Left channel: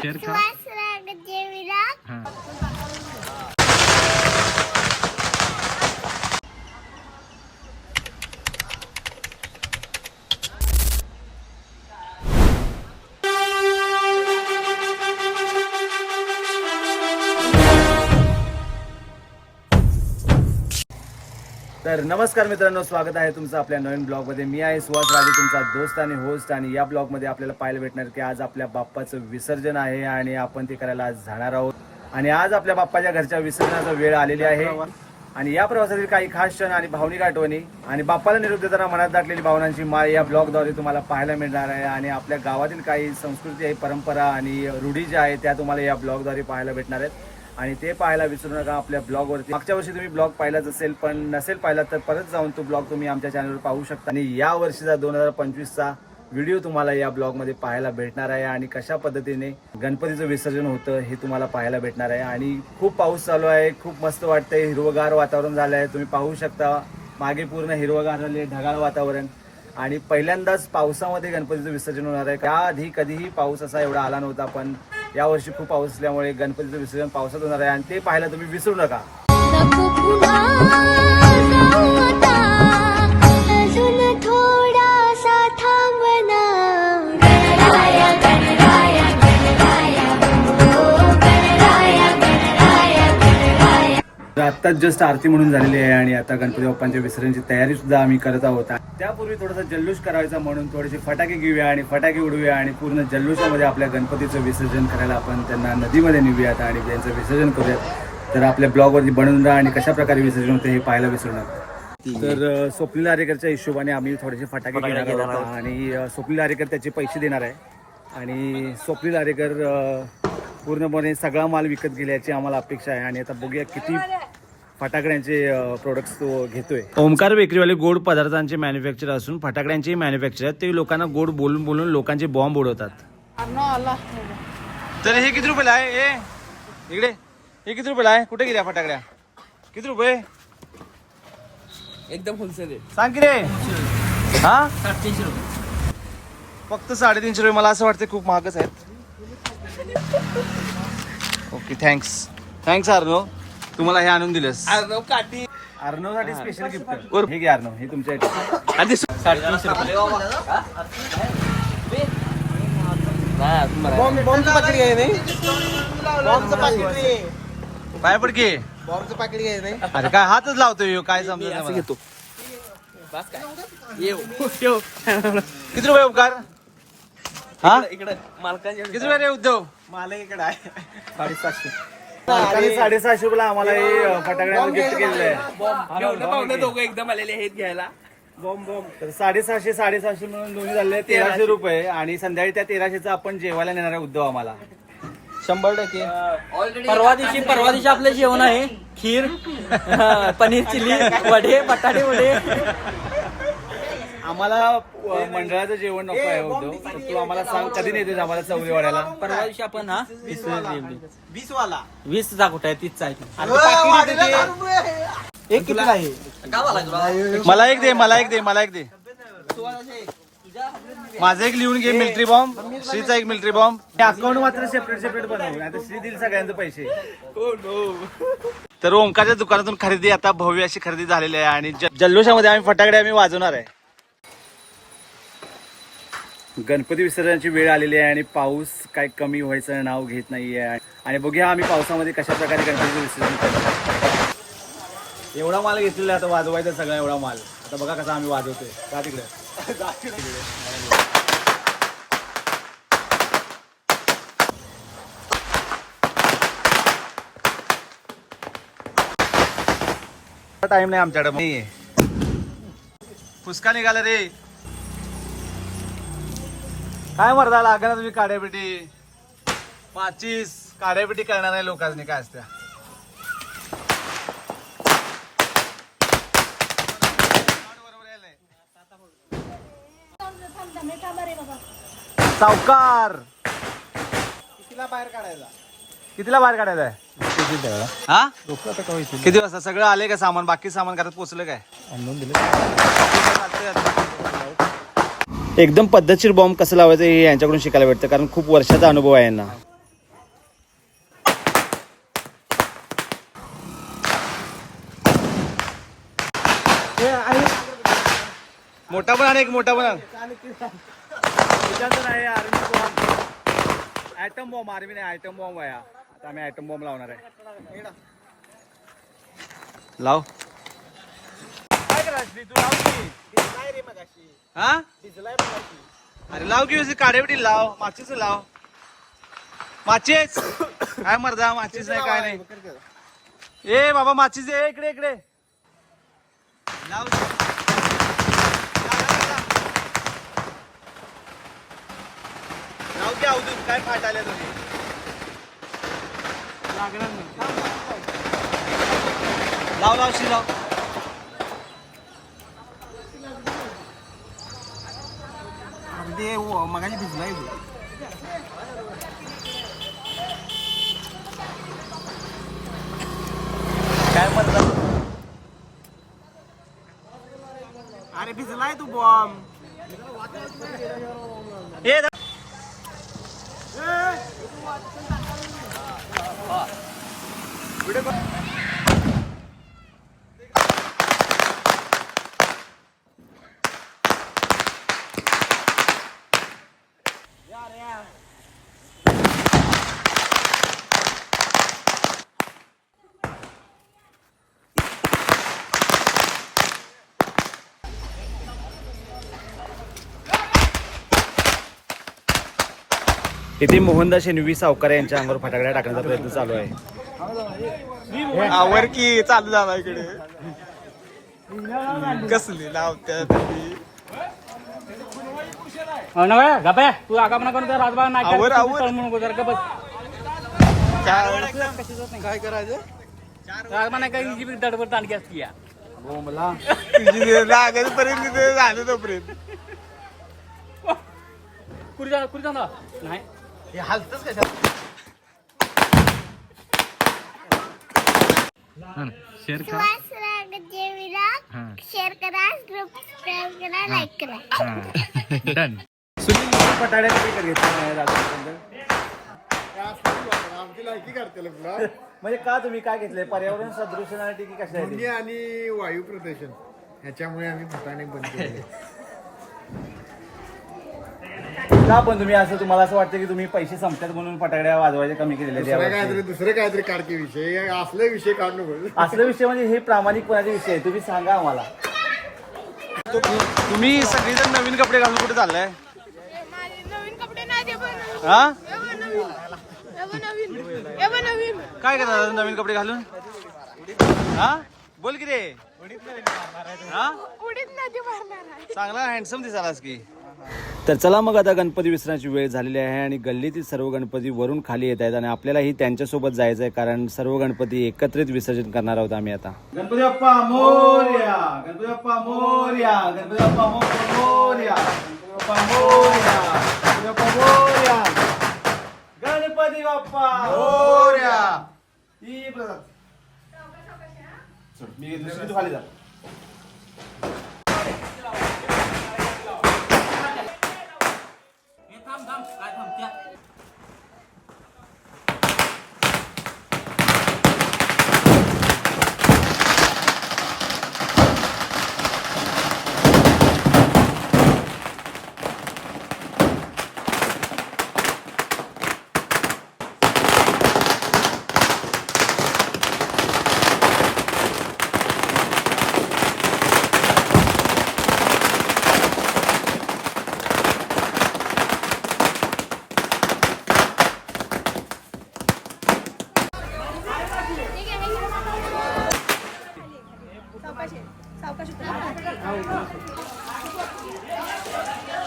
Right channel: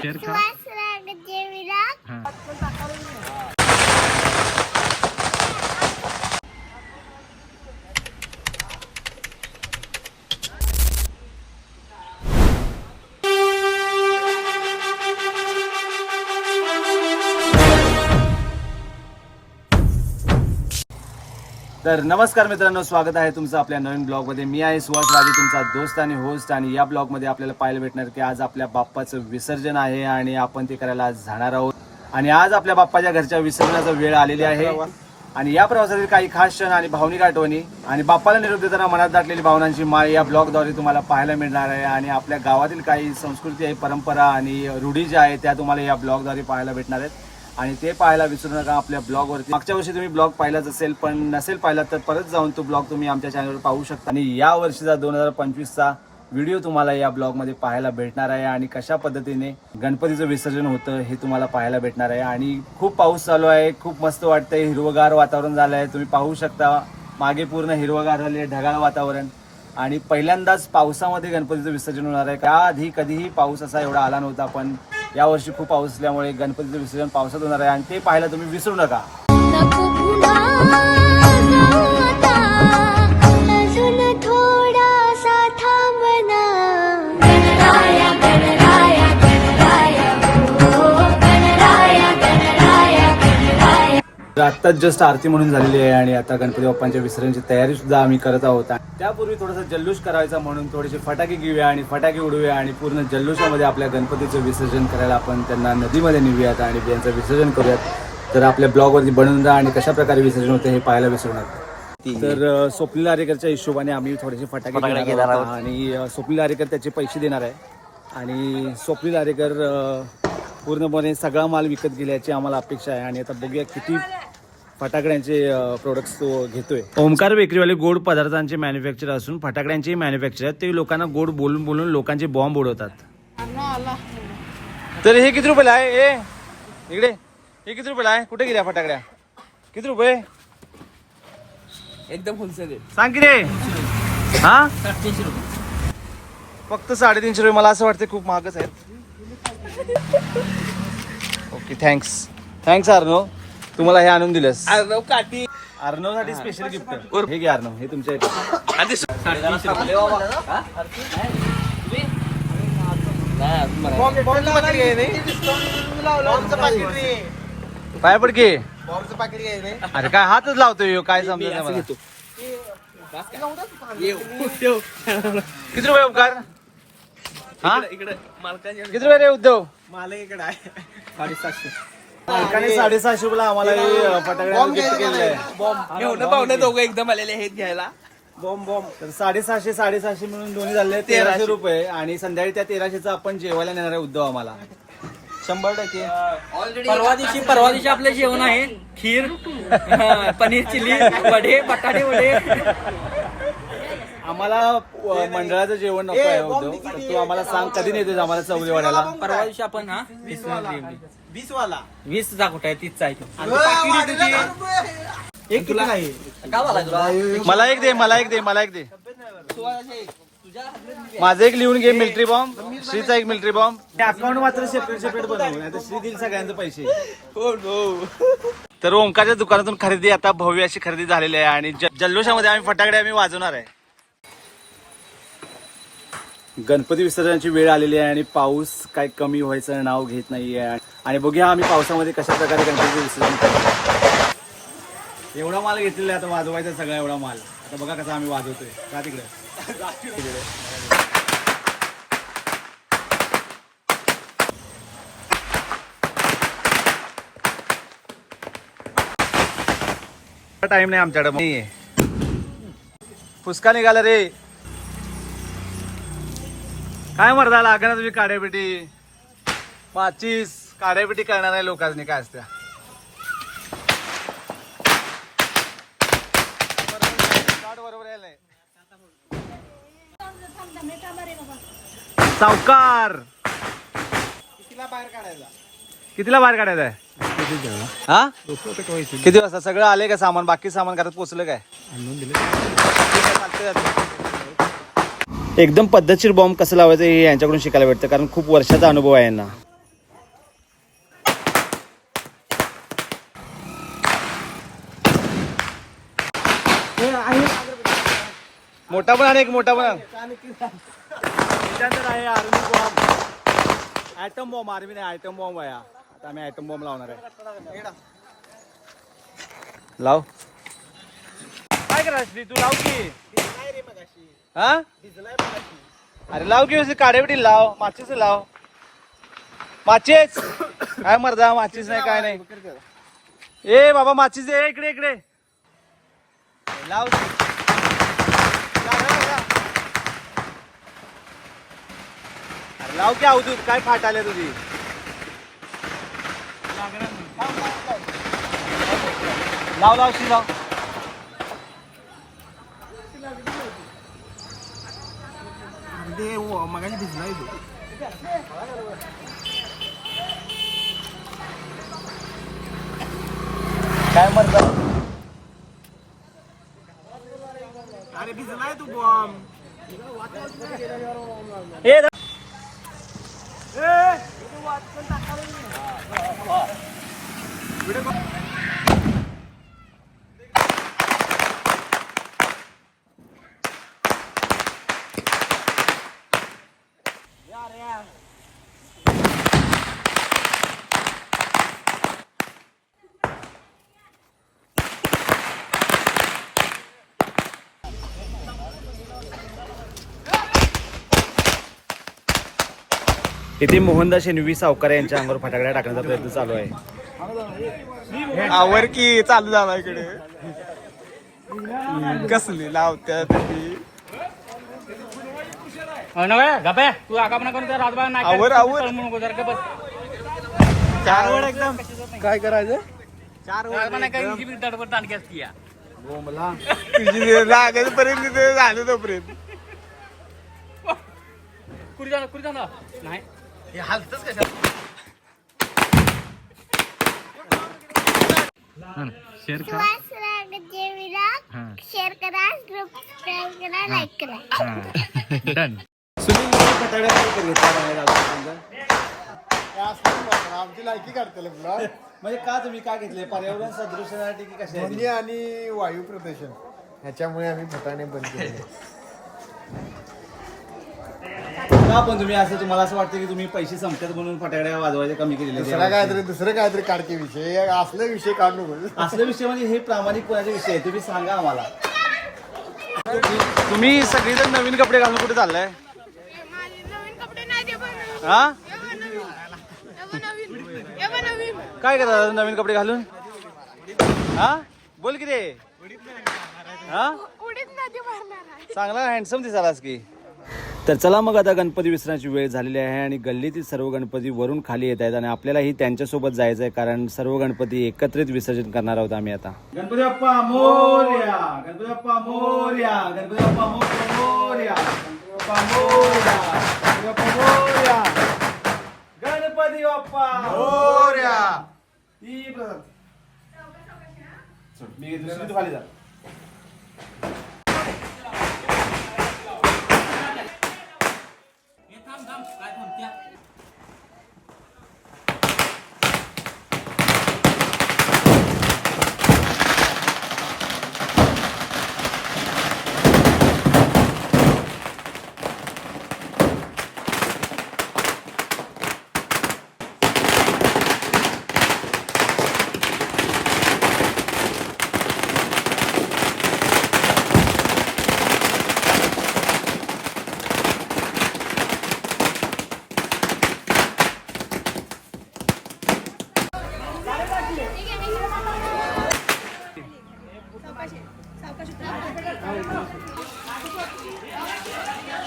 Share खा तर नमस्कार मित्रांनो स्वागत आहे तुमचं आपल्या नवीन ब्लॉगमध्ये. मी आहे सुहास राजे तुमचा दोस्त आणि होस्ट आणि या ब्लॉगमध्ये आपल्याला पाहायला भेटणार की आज आपल्या बाप्पाचं विसर्जन आहे आणि आपण ते करायला आज जाणार आहोत. आणि आज आपल्या बाप्पाच्या घरच्या विसर्जनाचा वेळ आलेली आहे. आणि या प्रवासातील काही खास क्षण आणि भावनिक आठवणी. आणि बाप्पाला निरोप देताना मनात दाटलेली भावनांची माळ या ब्लॉगद्वारे तुम्हाला पाहायला मिळणार आहे. आणि आपल्या गावातील काही संस्कृती आहे परंपरा आणि रूढी ज्या आहेत त्या तुम्हाला या ब्लॉगद्वारे पाहायला भेटणार आहेत. आणि ते पाहायला विसरू नका आपल्या ब्लॉगवरती मागच्या वर्षी तुम्ही ब्लॉग पाहिलाच असेल पण नसेल पाहिला तर परत जाऊन तो ब्लॉग तुम्ही आमच्या चॅनलवर पाहू शकता. आणि या वर्षीचा दोन हजार पंचवीसचा व्हिडिओ तुम्हाला या ब्लॉगमध्ये पाहायला भेटणार आहे आणि कशा पद्धतीने गणपतीचं विसर्जन होतं हे तुम्हाला पाहायला भेटणार आहे. आणि खूप पाऊस चालू आहे खूप मस्त वाटतंय हिरवगार वातावरण झालं आहे तुम्ही पाहू शकता मागे पूर्ण हिरवगार झाले ढगाळ वातावरण. आणि पहिल्यांदाच पावसामध्ये गणपतीचं विसर्जन होणार आहे. त्याआधी कधीही पाऊस असा एवढा आला नव्हता पण यावर्षी खूप पाऊस असल्यामुळे गणपतीचं विसर्जन पावसात होणार आहे आणि ते पाहायला तुम्ही विसरू नका. तर आत्ताच जस्ट आरती म्हणून झालेली आहे आणि आता गणपती बाप्पांच्या विसर्जनची तयारी सुद्धा आम्ही करत आहोत. त्यापूर्वी थोडासा जल्लोष करायचा म्हणून थोडेसे फटाके घेऊया आणि फटाके उडवूया आणि पूर्ण जल्लोषामध्ये आपल्या गणपतीचं विसर्जन करायला आपण त्यांना नदीमध्ये नेऊयात आणि त्यांचं विसर्जन करूयात. तर आपल्या ब्लॉगवरती बनवून जा आणि कशा प्रकारे विसर्जन होते हे पाहायला विसरू नका तर स्वप्नील आरेकरच्या हिशोबाने आम्ही थोडेसे फटाके घेणार आहोत आणि स्वप्नील आरेकर त्याचे पैसे देणार आहे. आणि स्वप्नील आरेकर पूर्णपणे सगळा माल विकत गेल्याची आम्हाला अपेक्षा आहे. आणि आता बघूया किती फटाकड्यांचे प्रोडक्ट्स तो घेतोय. ओमकार बेकरीवाले गोड पदार्थांचे मॅन्युफॅक्चर असून फटाकड्यांचे मॅन्युफॅक्चर आहेत. ते लोकांना गोड बोलून बोलून लोकांचे बॉम्ब उडवतात. तर हे किती रुपयाला आहे? ए इकडे. हे किती रुपयाला आहे? कुठे गेल्या फटाकड्या? किती रुपये? एकदम होलसेल सांग की रे. हा? साडेतीनशे रुपये. फक्त साडेतीनशे रुपये. मला असं वाटतं खूप महागच आहेत. ओके थँक्स थँक्स अर्णव तुम्हाला हे आणून दिलंस. अर्णव काठी. अर्णवसाठी स्पेशल गिफ्ट हे घे अर्णव हे तुमच्या साडेतीनशे रुपये. पाय पड अरे काय हातच लावतोय काय समजत मला. घेतो. येऊ ठेव किती रुपये उपकार? हा? इकडे किती रुपये रे उद्धव? मालक इकडे आहे. साडेसातशे. मालकाने साडेसहाशे रुपयाला आम्हाला हे फटाकड्यांचं गिफ्ट केलेलं आहे. दोघं एकदम आलेले आहेत घ्यायला बॉम्ब बॉम्ब. तर साडेसहाशे साडेसहाशे म्हणून दोन्ही झाले तेराशे रुपये. आणि संध्याकाळी त्या तेराशेचा आपण जेवायला नेणार आहे उद्धव आम्हाला. शंभर टक्के. परवा दिवशी परवा दिवशी आपलं जेवण आहे. खीर पनीर चिली वडे बटाटे वडे. आम्हाला अ, मंडळाचं जेवण नको आहे तर तू आम्हाला सांग कधी नेतेस आम्हाला चौरी वाड्याला परवा दिवशी आपण हा वीस वाला. वीस चा कुठे आहे? तीसचा आहे. एक किती आहे? मला एक दे मला एक दे मला एक दे. माझं एक लिहून घे मिलिटरी बॉम्ब. श्रीचा एक मिलिटरी बॉम्ब. अकाउंट मात्र सेपरेट सेपरेट बनवू नाही तर श्री दिल सगळ्यांचे पैसे. तर ओंकारच्या दुकानातून खरेदी आता भव्य अशी खरेदी झालेली आहे आणि ज- जल्लोषामध्ये आम्ही फटाकडे आम्ही वाजवणार आहे. गणपती विसर्जनाची वेळ आलेली आहे आणि पाऊस काय कमी व्हायचं नाव घेत नाहीये. आणि बघूया आम्ही पावसामध्ये कशा प्रकारे गणपती विसर्जन करतो. एवढा माल घेतलेला आहे आता वाजवायचा सगळा एवढा माल. आता बघा कसा आम्ही वाजवतोय. का तिकडे. टाइम नाही आमच्याकडे पुसका निघाला रे. काय मरदा लागणार तुम्ही काड्यापेटी? माचीस काड्यापेटी करणार आहे लोकांनी काय असत्या नाही. सावकार! कितीला बाहेर काढायला कितीला बाहेर काढायचं आहे? हा? किती वाजता? सगळं आले का सामान? बाकी सामान घरात पोचलं काय? चालतंय. एकदम पद्धतशीर बॉम्ब कसं लावायचं हे यांच्याकडून शिकायला भेटतं कारण खूप वर्षाचा अनुभव आहे यांना. मोठा पण आणि एक मोठा पण त्याच्यानंतर आहे army bomb atom bomb army नाही ॲटम बॉम्ब आहे. आता आम्ही ॲटम बॉम्ब लावणार आहे. लाव. काय करायची तू लाव की. हा? अरे लाव की काडेवडी लाव. माचीच लाव. माचीच. काय मर्दा माचीच नाही काय नाही. ए बाबा माचीच ए इकडे इकडे. लाव. लाव की अवधूत काय खात आले तुम्ही? लाव लाव शी लाव मगाशी भिजलाय काय म्हणतात अरे भिजलाय तू बॉम्ब इथे मोहनदास शेनवी सावकार यांच्या अंगावर फटाकड्या टाकण्याचा प्रयत्न चालू आहे. आवर की चालू झाला इकडे. कसली लावत्यात तू आगापणा करून त्या राजभा नाही आवर, आवर. काय करायचं? दडबड तालकी असती या. तुझी लागत पर्यंत ते झालं तोपर्यंत. कुठे कुठे नाही. शेअर शेअर करा. सबस्क्राईब करा लाईक करा डन फटाकड्या कधी घेतल्या नाही अजूनपर्यंत? आमची लायकी काढते तुला म्हणजे का तुम्ही काय घेतले पर्यावरण सदृशसाठी की कशा आणि वायू प्रदूषण. ह्याच्यामुळे आम्ही फटाणे बंद केले. का पण तुम्ही असं तुम्हाला असं वाटतं की तुम्ही पैसे संपतात म्हणून फटाकड्या वाजवायचे कमी केलेले दुसरा? काहीतरी दुसरे काहीतरी काढते विषय. असले विषय काढू नको. असले विषय म्हणजे हे प्रामाणिकपणाचे विषय आहे? तुम्ही सांगा आम्हाला. तुम्ही सगळेजण नवीन कपडे घालून कुठे चाललाय? हा? काय करता नवीन कपडे घालून? हा? बोल की रे. हा? चांगला हँडसम दिसालास की. तर चला मग आता गणपती विसरण्याची वेळ झालेली आहे आणि गल्लीतील सर्व गणपती वरून खाली येत आहेत आणि आपल्यालाही त्यांच्यासोबत जायचं आहे कारण सर्व गणपती एकत्रित विसर्जन करणार आहोत आम्ही आता. गणपती बाप्पा मोर्या! गणपती बाप्पा मोर्या! गणपती बाप्पा मोर्या! गणपती बाप्पा मोर्या! गणपती बाप्पा मोर्या! गणपती बाप्पा मोर्या! ई प्रसाद. मी दुसरी खाली जा. 他们，来，他们家。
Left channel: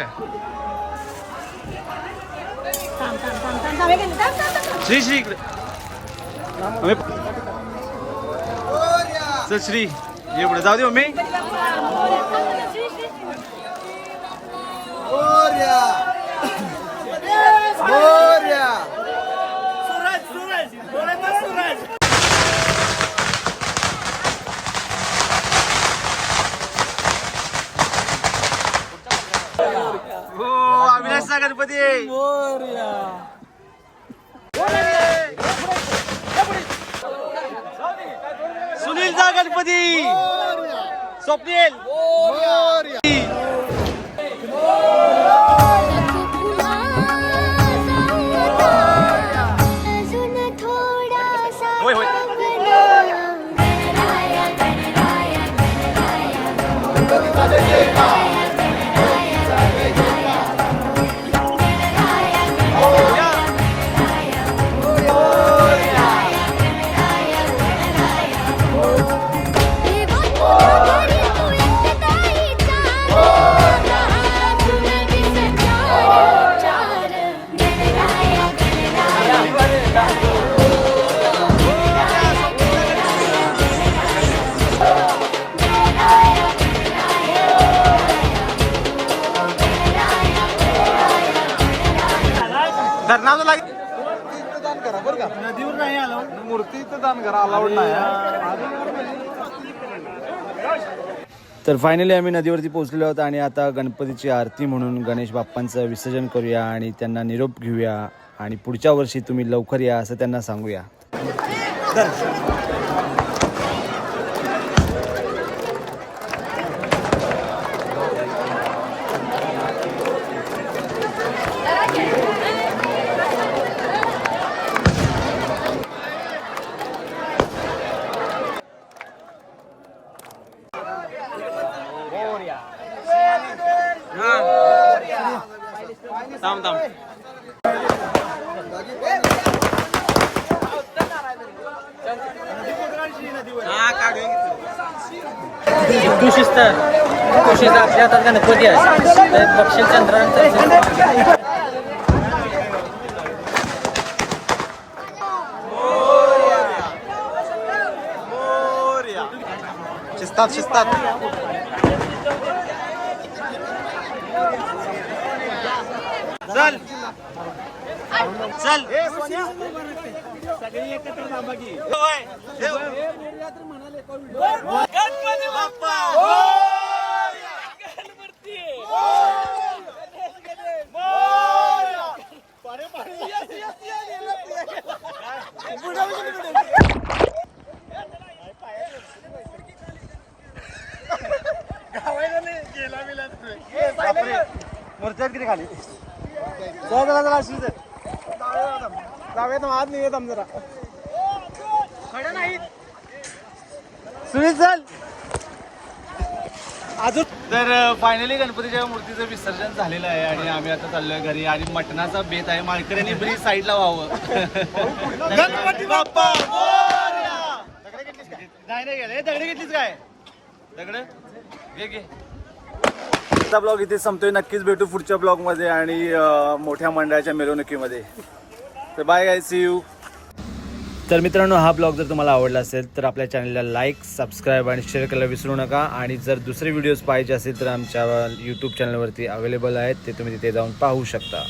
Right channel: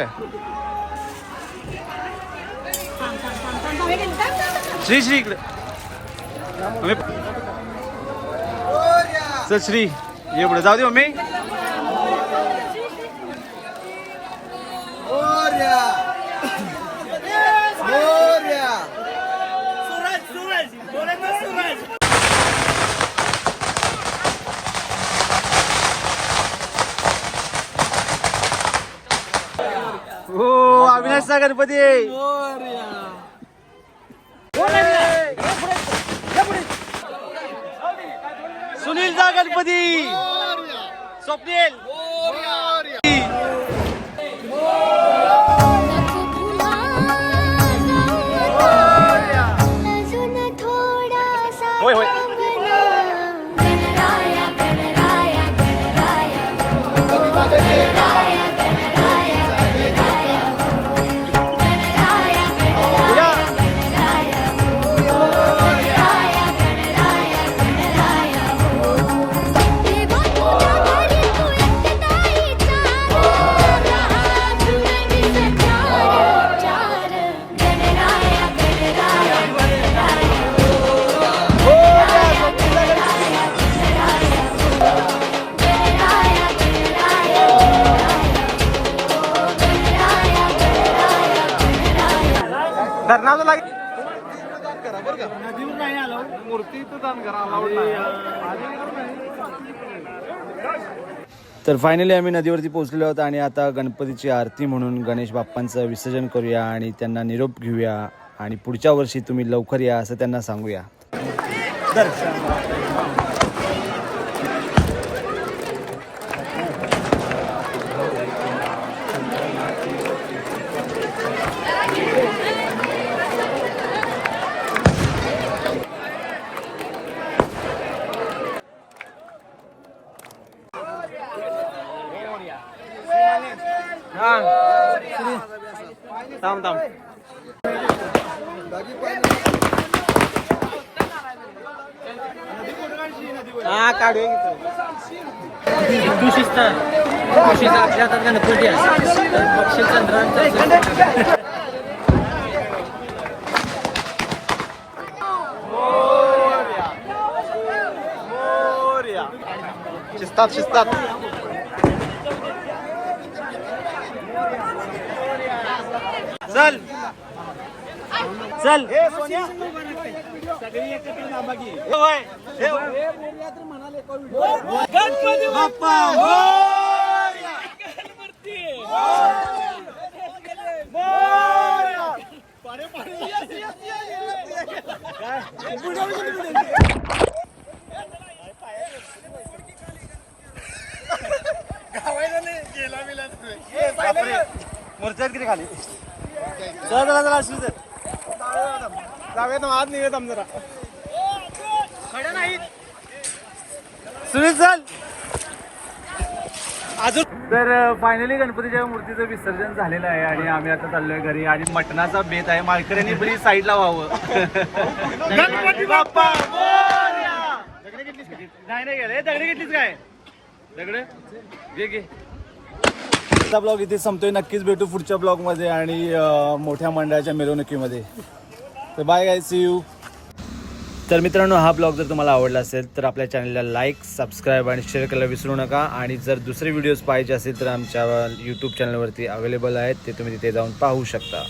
थांबत्या श्री श्री इकडे मम्मी. चल श्री ये पुढे जाऊ दे मम्मी हो अविनाशचा गणपती गणपती स्वप्नील. अजून थोडासा होय, होय. देवा धरणाचं लागे तर फायनली आम्ही नदीवरती पोहोचलेलो आहोत आणि आता गणपतीची आरती म्हणून गणेश बाप्पांचं विसर्जन करूया आणि त्यांना निरोप घेऊया. आणि पुढच्या वर्षी तुम्ही लवकर या असं त्यांना सांगूया. तू शिस्त आपल्या हातात गणपती आहे तर बक्षीस चंद्रांचा शिस्तात शिस्तात चल. चल. गणपती बाप्पा. मोर्चात किती खाली? चला चला चला चल. सुनील चल. अजून तर फायनली गणपतीच्या मूर्तीचं विसर्जन झालेलं आहे आणि आम्ही आता चाललोय घरी आणि मटणाचा बेत आहे. माळकऱ्यांनी बरी साईडला व्हावं. गणपती बाप्पा. नाही नाही गेले. दगडे घेतलीच काय? दगड? घे घे. आजचा ब्लॉग इथे संपतोय. नक्कीच भेटू पुढच्या ब्लॉगमध्ये आणि मोठ्या मंडळाच्या मिरवणुकीमध्ये. तर बाय गाय सी यू तर मित्रांनो हा ब्लॉग जर तुम्हाला आवडला असेल तर आपल्या चॅनलला लाईक सबस्क्राईब आणि शेअर करायला विसरू नका. आणि जर दुसरे व्हिडिओज पाहिजे असेल तर आमच्या यूट्यूब चॅनलवरती अवेलेबल आहेत. ते तुम्ही तिथे जाऊन पाहू शकता.